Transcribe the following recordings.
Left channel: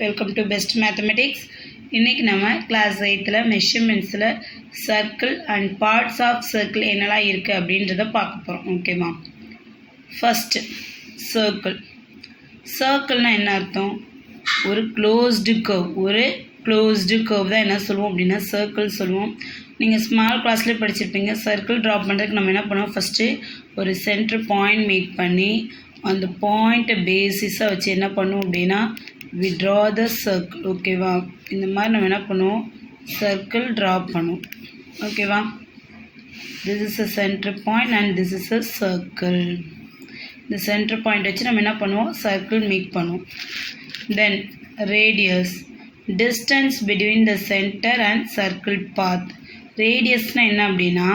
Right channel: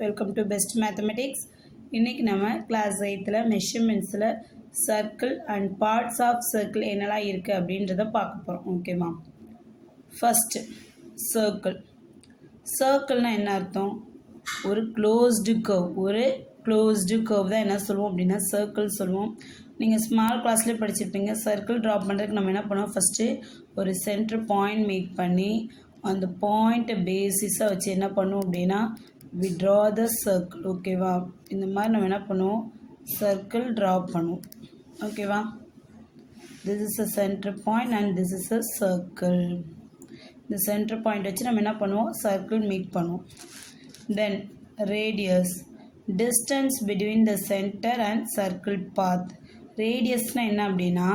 Welcome to best mathematics. இன்றைக்கி நம்ம class 8ல் மெஷர்மெண்ட்ஸில் circle and parts of circle என்னெல்லாம் இருக்குது அப்படின்றத பார்க்க போகிறோம். ஓகேவா? ஃபஸ்ட்டு சர்க்கிள்னால் என்ன அர்த்தம்? ஒரு க்ளோஸ்டு கர்வ் தான் என்ன சொல்லுவோம் அப்படின்னா சர்க்கிள் சொல்லுவோம். நீங்கள் ஸ்மால் கிளாஸ்லேயே படிச்சிருப்பீங்க. சர்க்கிள் ட்ரா பண்ணுறதுக்கு நம்ம என்ன பண்ணுவோம்? ஃபஸ்ட்டு ஒரு சென்டர் பாயிண்ட் மேக் பண்ணி அந்த பாயிண்ட்டை பேசிஸாக வச்சு என்ன பண்ணுவோம் அப்படின்னா we draw the circle. ஓகேவா? இந்த மாதிரி நம்ம என்ன பண்ணுவோம்? சர்க்கிள் ட்ரா பண்ணுவோம். ஓகேவா? this is a center point and this is a circle. இந்த சென்டர் பாயிண்ட் வச்சு நம்ம என்ன பண்ணுவோம்? சர்க்கிள் மேக் பண்ணுவோம். Then radius, distance between the center and circle path. ரேடியஸ்னால் என்ன அப்படின்னா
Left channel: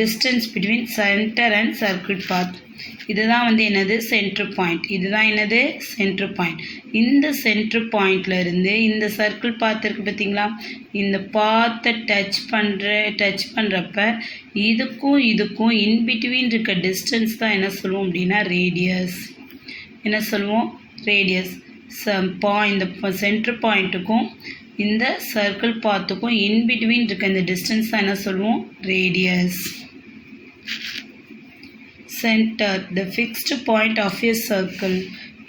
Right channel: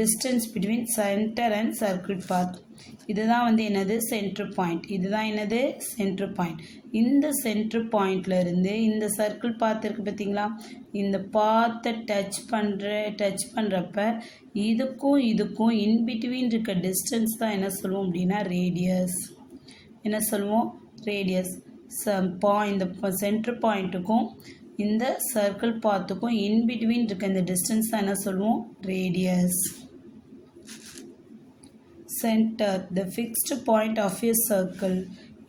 distance between center and circle path. இதுதான் வந்து என்னது? Centre point. இதுதான் என்னது? Centre point. இந்த சென்டர் பாயிண்ட்லேருந்து இந்த சர்க்கிள் பாத் இருக்குது பார்த்தீங்களா? இந்த பாத்தை டச் பண்ணுறப்ப இதுக்கும் இன்பிட்வீன் இருக்க டிஸ்டன்ஸ் தான் என்ன சொல்லுவோம் அப்படின்னா ரேடியஸ். என்ன சொல்லுவோம்? ரேடியஸ். இந்த சென்டர் பாயிண்ட்டுக்கும் இந்த சர்க்கிள் பாத்துக்கும் இன்பிட்வீன் இருக்க இந்த டிஸ்டன்ஸ் தான் என்ன சொல்லுவோம்? Radius. Centre, the fixed point of a circle.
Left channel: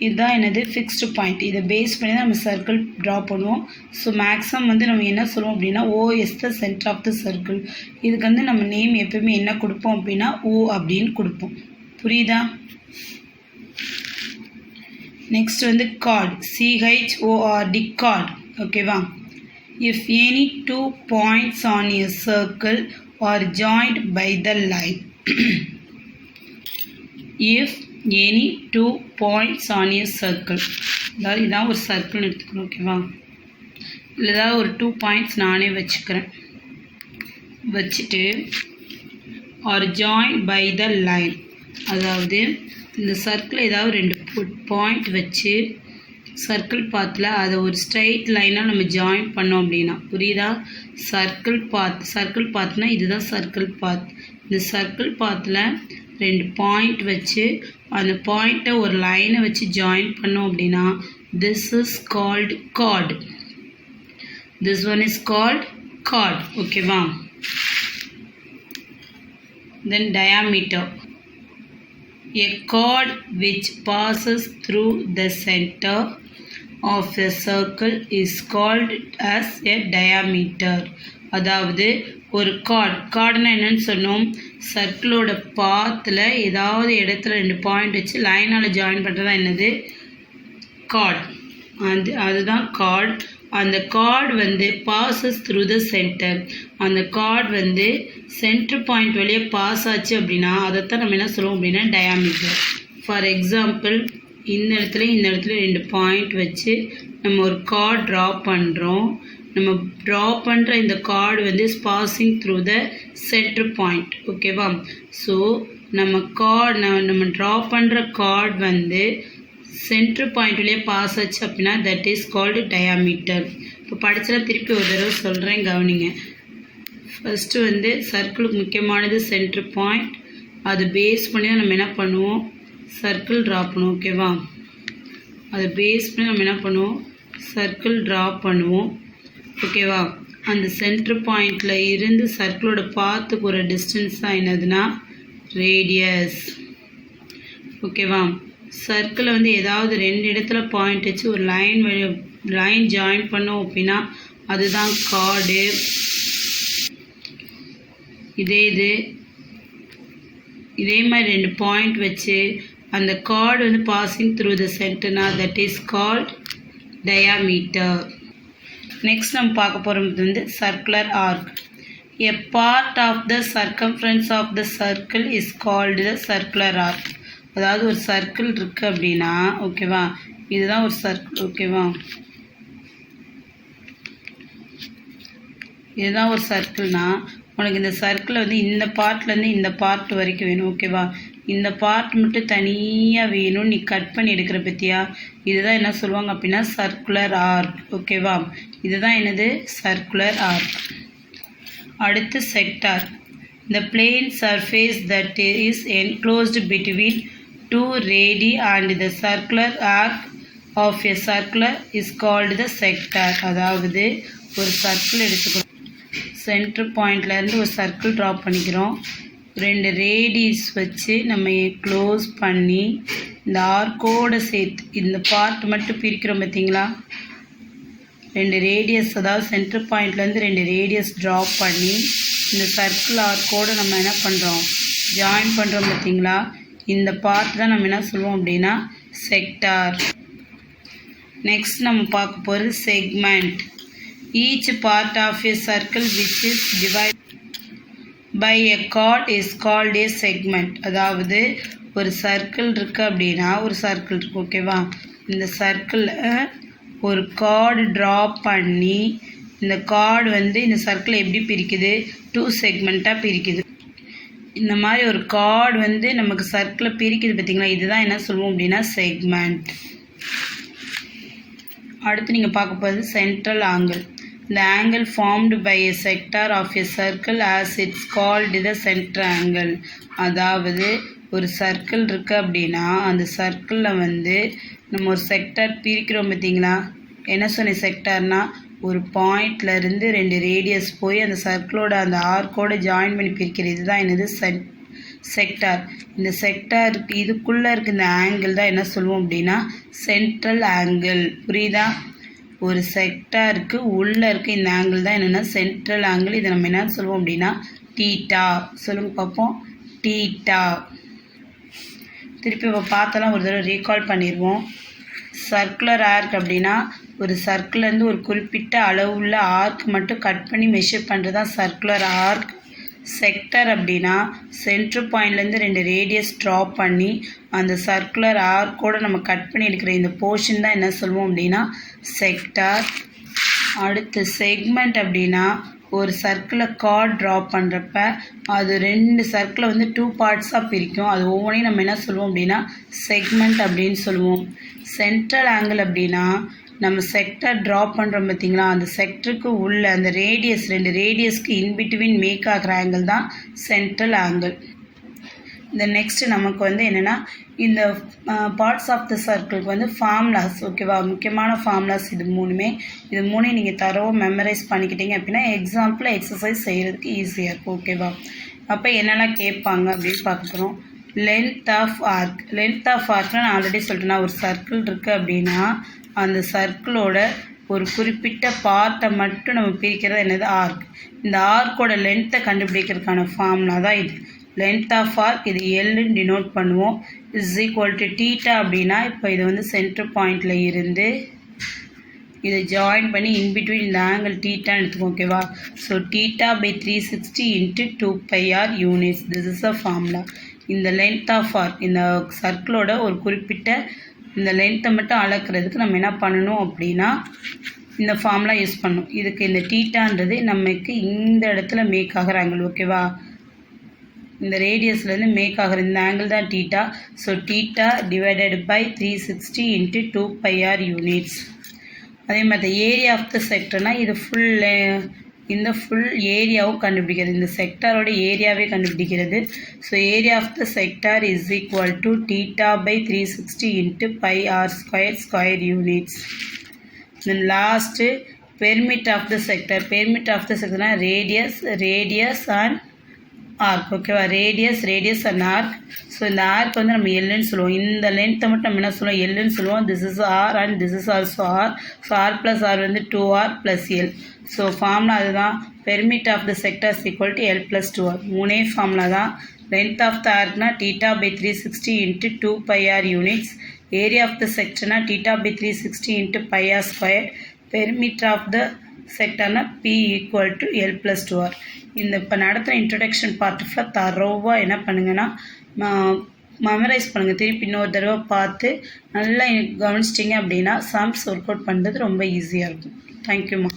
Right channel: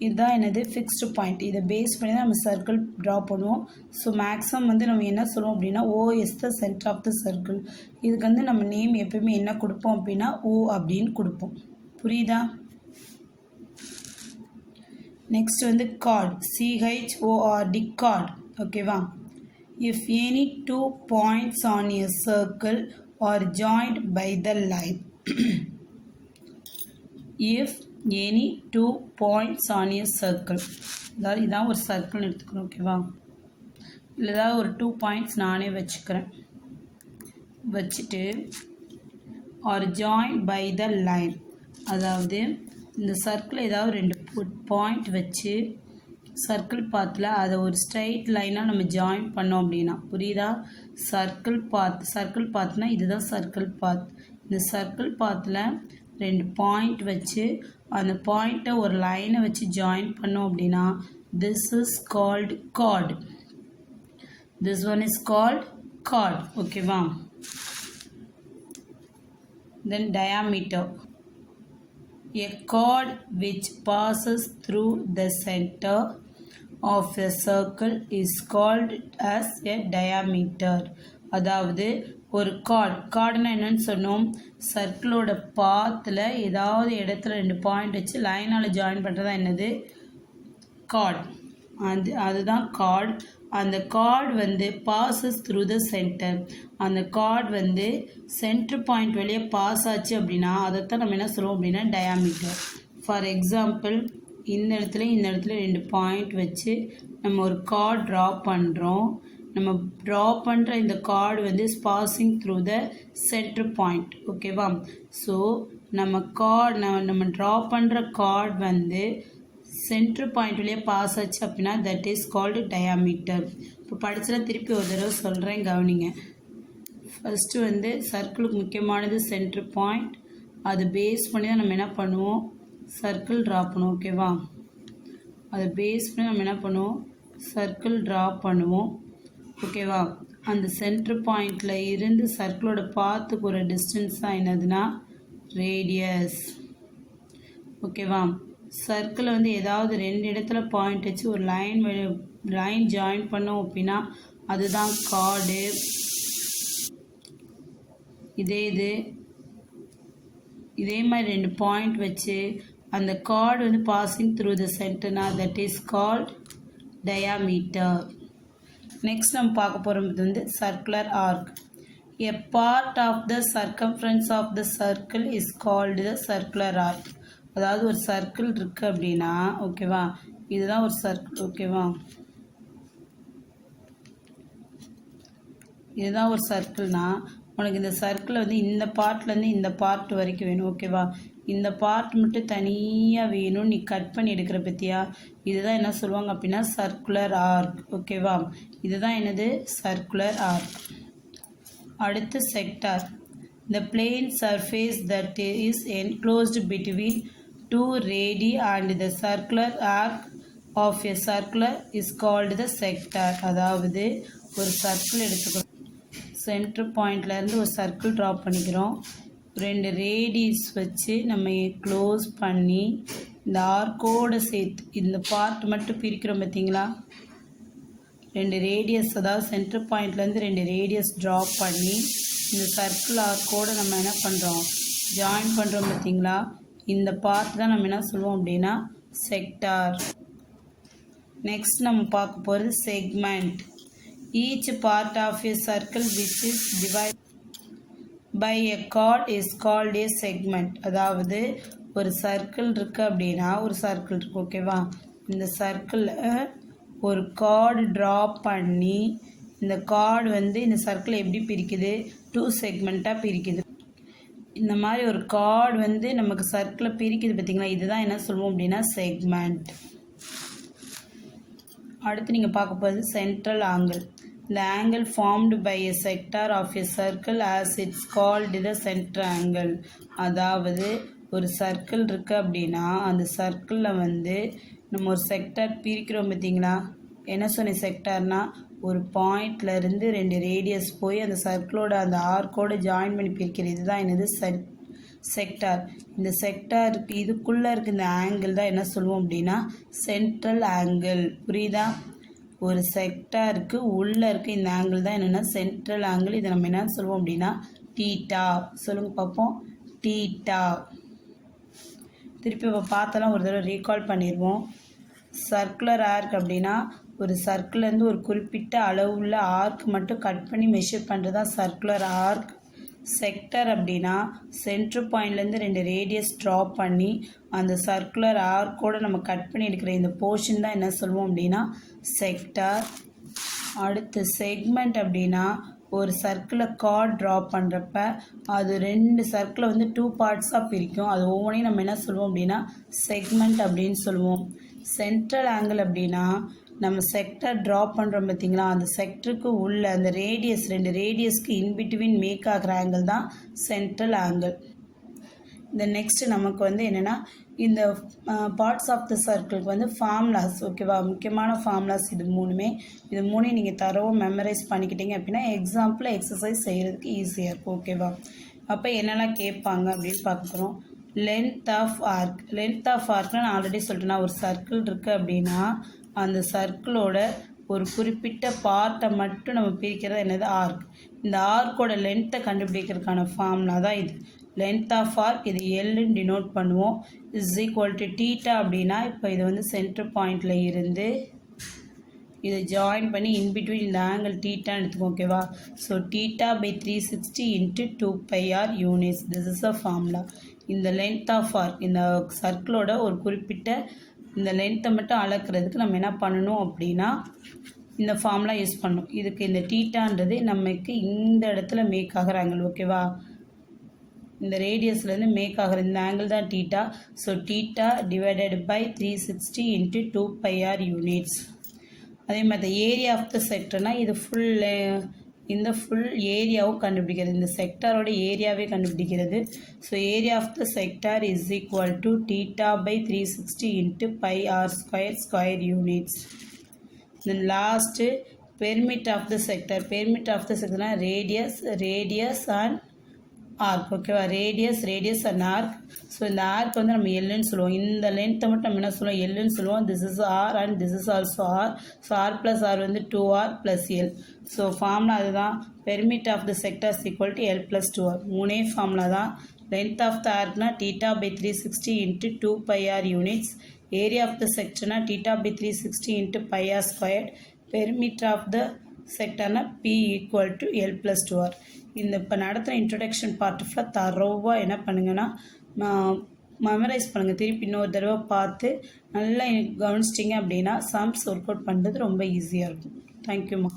இதுதான் என்னது? Fixed point. இதை பேஸ் பண்ணி தான் நம்ம சர்க்கிள் ட்ரா பண்ணுவோம். ஸோ மேக்ஸிமம் வந்து நம்ம என்ன சொல்லுவோம் அப்படின்னா O is the center of the circle. இதுக்கு வந்து நம்ம நேம் எப்பவுமே என்ன கொடுப்போம் அப்படின்னா O அப்படின்னு கொடுப்போம். புரியுதா? நெக்ஸ்ட் வந்து கார்ட், CHORD, கார்ட். ஓகேவா? if any two points on a circle are joined by the line. if any two points on a circle, அதாவது இதான் ஒரு சர்க்கிள்னு எடுத்துக்கிறோம். ஓகேவா? இல்லை ஏதாவது ஒரு 2 பாயிண்ட்ஸ் நானே வச்சுட்டு or join by the line, அதாவது இந்த சர்க்கிள் ஏதாவது 2 பாயிண்ட் வச்சு சர்க்கிள் பாத்தில் அதை ஒரு ஸ்ட்ரைட் லைனாக நம்ம ஜாயின் பண்ணோம் அப்படின்னா, புரியுதா? சர்க்கிள் பாத்னா இதுதான் சர்க்கிள் பாத். இந்த சர்க்கிள் பாத்தில் 2 பாயிண்ட் வச்சு அந்த பாயிண்ட்டை ஒரு லைனை வச்சு ஜாயின் பண்ணோம் அப்படின்னா this is called card. This one is called card. ஓகேவா? தென் diameter, a chord which passes through the center of a circle is called as a diameter. அதாவது ஒரு கார்டுனா என்னன்னு சொன்னோம்? சர்க்கிளோட பாத்தில் ஏதாவது இடத்துல 2 பாயிண்ட் வச்சு லைனால் ஜாயின் பண்ணுறது தான் என்னது? கார்ட். அதுதான் கார்ட். அந்த கார்டு வந்து பாசஸ் த்ரூ த சென்டர். அந்த கார்டு வந்து சென்டர் பாயிண்ட் வழியாக பாஸ் ஆச்சு அப்படின்னா அதைத்தான் நம்ம என்ன சொல்லுவோம் அப்படின்னா டயாமீட்டர். ஃபார் எக்ஸாம்பிள் இந்த இடத்துல 2 பாயிண்ட் வச்சு நம்ம ஒரு கார்டு ட்ரா பண்ணுறோம். நம்ம ட்ரா பண்ணுற இந்த கார்டு வந்து passing through the centre point. ஓகேவா? ஸோ நம்ம ட்ரா பண்ணுற கார்டு வந்து சென்டர் பாயிண்ட் வழியே பாஸ் ஆச்சு அப்படின்னா தட் இஸ் கால்டு டயாமீட்டர். இப்போ படிச்சலாம் திருப்பி ஒரு தடவை சொல்கிறேன், கவனிங்க. ஃபஸ்ட்டு வந்து சர்க்கிளுக்கு முக்கியமானது சென்டர் பாயிண்ட். அதை பேஸ் பண்ணி தான் நம்ம என்ன பண்ணுவோம்? சர்க்கிள் ட்ரா பண்ணுவோம். ஓகேவா? அதை பேஸ் பண்ணி நம்ம என்ன பண்ணுவோம்? சர்க்கிள் ட்ரா பண்ணுவோம். ஓகேவா? அந்த சென்டர் பாயிண்டில் இருந்து சர்க்கிளோட பாத்துக்கு ஒரு டிஸ்டன்ஸ் தான் என்னதுன்னா ரேடியஸ். ஓகேவா? சர்க்கிளை வந்து ஏதாவது 2 இடத்துல பாயிண்ட் வச்சு ஒரு லைன் ஜாயின் பண்ணோம் அப்படின்னா அதுதான் கார்டு. இதே மாதிரி 2 பாயிண்ட் வச்சு அந்த கார்டு வந்து பாசிங் த்ரூ த சென்டர்னா that is called diameter. Next நம்ம பார்க்க போகிறது வந்து circular arc. A part of the circumference of the circle is called the circular arc. அதாவது ஒரு சர்க்கிள் இருக்குது அப்படின்னா, ஓகேவா, இதுதான் ஒரு சர்க்கிள். ஓகேவா? இதுதான் ஒரு சர்க்கிள்னா உனக்கு இந்த சர்க்கிள் வந்து இந்த பார்ட்லேருந்து இந்த பார்ட் வரைக்கும் வேணும். ஓகேவா? இந்த பார்ட் மட்டும் தனியாக வேணும், நீ கட் பண்ணி எடுக்கிற பற்றியா? இதுதான் என்ன சொல்லுவாங்க அப்படின்னா சர்க்குலர் ஆர்க். ஓகேவா? இதுதான் என்னது? Circular arc. அடுத்து sector, the plane surface that is enclosed between 2 radii and the circular arc of a circle is called the sector. அதாவது ஒரு சர்க்கிள் எடுத்துக்கிறோம், சென்டர் பாயிண்ட்லேருந்து ஒரு சர்க்கிள் ட்ரா பண்ணிக்கிறோம், 2 ரேடியஸ் வச்சு நம்ம க்ளோஸ் பண்ணி இந்த ஆர்க்கோடு சேர்த்து இந்த பார்ட் மட்டும் பிரிக்கிறோம் பார்த்தீங்களா. 2 ரேடியஸ், அதாவது சென்டர் பாயிண்ட்லேருந்து 2 ரேடியஸ் ட்ரா பண்ணி இந்த சர்க்கிள் ஆர்க்கோடு நம்ம என்ன பண்ணுறோம், ஜாயின் பண்ணுறோம் பார்த்தீங்களா. இந்த பார்ட் தான் நம்ம என்ன சொல்லுவோம் அப்படின்னா செக்டார். நெக்ஸ்ட் நம்ம பார்க்க போகிறது segment. Each part of a circle which is divided by a chord is called a segment. அதாவது ஒரு சர்க்கிள் இருக்குது அப்படின்னா, ஒரு சர்க்கிள் இருக்குது ஓகேவா, இந்த சர்க்கிளில் ஒரு கார்டு ட்ரா பண்ணி இந்த கார்டு வந்து இந்த சர்க்கிளை எப்படி பிரிக்குது, 2 செக்மெண்ட்டாக பிரிக்குது. இந்த மாதிரி ஒரு கார்டு வந்து நமக்கு சர்க்கிளை பிரிக்குது பார்த்தீங்களா, இதுதான் என்ன சொல்லுவோம் அப்படின்னா செக்மெண்ட். அடுத்து நீங்கள் பார்க்க போகிறது central angle. The angle formed by a sector of a circle as it's called the center angle. அதாவது ஒரு சர்க்கிள் இருக்குது அப்படின்னா அந்த சர்க்கிளில் வந்து நம்ம ஒரு செக்டார் பிரிக்கிறோம் பார்த்தீங்களா. என்ன சொன்ன செக்டார்னா, ஒரு பாயிண்ட்லேருந்து 2 ரேடியஸ் போய் அந்த சர்க்கிளோட அந்த ஆர்க்கோடு ஜாயின் பண்ணி பிரிக்கிறது, இதுதான் என்னது செக்டார். இந்த செக்டாருக்கு இதுக்குள்ளே இருக்க இந்த ஆங்கிள் தான் என்ன சொல்லுவோம் அப்படின்னா சென்ட்ரல் ஆங்கிள். புரியுதா, ஒரு செக்டாருக்கு உள்ளே இருக்க இந்த ஆங்கிள் தான் என்னென்னா சென்ட்ரல் ஆங்கிள். இதை நம்ம என்ன சொல்லுவோம் அப்படின்னா டீட்டா. சொல்லுங்க பார்ப்போம், டீட்டா. திருப்பி இப்போ பார்த்தலாம் ஒரு தடவை ரீகால் பண்ணிடுவோம். சர்க்குலர் ஆர்க் அப்படின்னா ஒரு சர்க்கிள்லேருந்து ஒரு குறிப்பிட்ட அளவுள்ள ஆர்க் மட்டும் கட் பண்ணி மெஷர் பண்ணுறது தான் சர்க்குலர் ஆர்க். செக்டர் அப்படின்னா சென்ட்ரு பாயிண்ட்லேருந்து 2 ரேடியஸ் ட்ரா பண்ணி அந்த சர்க்குலர் ஆர்க்கோடு நம்ம கட் பண்ணி எடுக்கிற இந்த போர்ஷன் தான் என்ன சொல்லுவோம் அப்படின்னா செக்டார். அடுத்து செக்மெண்ட் அப்படின்னா ஒரு சர்க்கிளை கார்ட் ட்ரா பண்ணுறப்ப அது 2 சர்க்கிளை வந்து 2 பார்ட்ஸாக பிரிக்கும். அது ஒவ்வொன்றையும் நம்ம என்ன சொல்லுவோம் அப்படின்னா செக்மெண்ட் அப்படின்னு சொல்லுவோம். சென்ட்ரல் ஆங்கிள் அப்படின்னா நம்ம செக்டர் ட்ரா பண்ணுறோம் பார்த்தீங்களா, அந்த செக்டருக்கு உள்ள அந்த ரேடியஸ் 2 ரேடியஸ்க்கு இன்பிட்வீன் மேக் ஆகிற ஆங்கிள் தான் சென்ட்ரல் ஆங்கிள். இந்த நெக்ஸ்ட்டு நமக்கு வந்து என்னென்னா இந்த பார்ட்ஸ் ஆஃப் த சர்க்கிளுக்கு வந்து ஃபார்முலாஸ் ஓகேவா, முக்கியமான ஃபார்முலாஸ் இது மூணையும் நீங்கள் தரவும் மெமரைஸ் பண்ணிக்கிட்டீங்க அப்படின்னா எக்ஸாம்பிள் எக்ஸசைஸ் செய்கிறதுக்கு ஈஸியாக இருக்கும் ஓகேவா. அப்போ என்னெல்லாம் கேட்பாங்க அப்படின்னு பார்க்குறோம். Length of arc. Length of ஆர்க்னா நான் ஆல்ரெடி சொல்லிட்டேன்னா ஒரு சர்க்கிள் இருக்குது அப்படின்னா அந்த சர்க்கிளோட ஒரு குறிப்பிட்ட பார்ட்டை மட்டும் நம்ம பிரிக்கிறது என்னது ஆர்க். இந்த ஆர்க்கோட லென்த்தை கண்டுபிடிக்கிறதுக்கான ஃபார்முலா தான் இது. லென்த் ஆஃப் ஆர்க் இது எல்லுன்னு டினோட் பண்ணுவோம். இஸ் ஈக்குவல் டு டீட்டா அப்படின்னா இப்போ இது வந்து சென்டர் பாயிண்டில் இருந்து இதை ஜாயின் பண்ணி இன்பிட்வீன் இந்த ஆங்கிள் டீட்டான்னு எடுத்துக்கோ ஓகேவா. So theta by 360 into 2πr units. This is a formula. இந்த லென்த் ஆஃப் ஆர்க் இந்த சர்க்கிளோட ஒரு குறிப்பிட்ட இந்த லென்த்தை மட்டும் அளக்கிறதுக்கு நம்ம என்ன பண்ணணும் அப்படின்னா இந்த ஃபார்முலா யூஸ் பண்ணணும். இதுக்கு இந்த டீட்டான்றது நமக்கு இந்த இடத்துல மேக் ஆகிற ஆங்கிள் ஓகேவா. இந்த ரேடியஸ்லேருந்து மேக் ஆகிற இந்த ஆங்கிள் தான் theta. So theta divided by 360 into 2πr units. அதே மாதிரி ஏரியா ஆஃப் த செக்டர்னால் இது இந்த ஃபுல் ஏரியாவும் கண்டுபிடிக்கிறது, இந்த செக்டாரோட ஏரியாவே கண்டுபிடிக்கிறது. So area of the sector is equal to theta by 360 into πr square units. Then last perimeter of the sector. Perimeter of the செக்டர்னால் ரேடியஸ் அண்ட் ஆர்க் ஓகேவா. Radius and arc. ஸோ இந்த arc வந்து நம்ம எல்லுன்னு சொல்லுவோம். இந்த லென்த்தை மட்டும் நம்ம என்ன சொல்லுவோம் எல்லுன்னு சொல்லுவோம். This is r and this is also r. So r plus r வந்து 2r plus l. So formula அதுதான். Perimeter of the sectors equal to l plus 2r. மூணே ஃபார்முலா தான். லென்த் ஆஃப் த ஆர்க்னா theta by 360 into 2πr units. Area of the செக்டர்னா theta by 360 into πr square. Perimeter of the செக்டர்னா P equal to l plus 2r. இந்த இப்போ நடத்துகிற introduction பார்ட்டில் தரோவாக என்ன பண்ணுங்கன்னா மெமரைஸ் பண்ணுங்கள். திருப்பி இன்னொரு தடவை பார்த்து நல்லா கவனிச்சிட்டிங்க அப்படின்னா சம்ஸ் ஒர்க் அவுட் பண்ணுறது ரொம்ப ஈஸியாக இருக்கும். தேங்க்யூம்மா.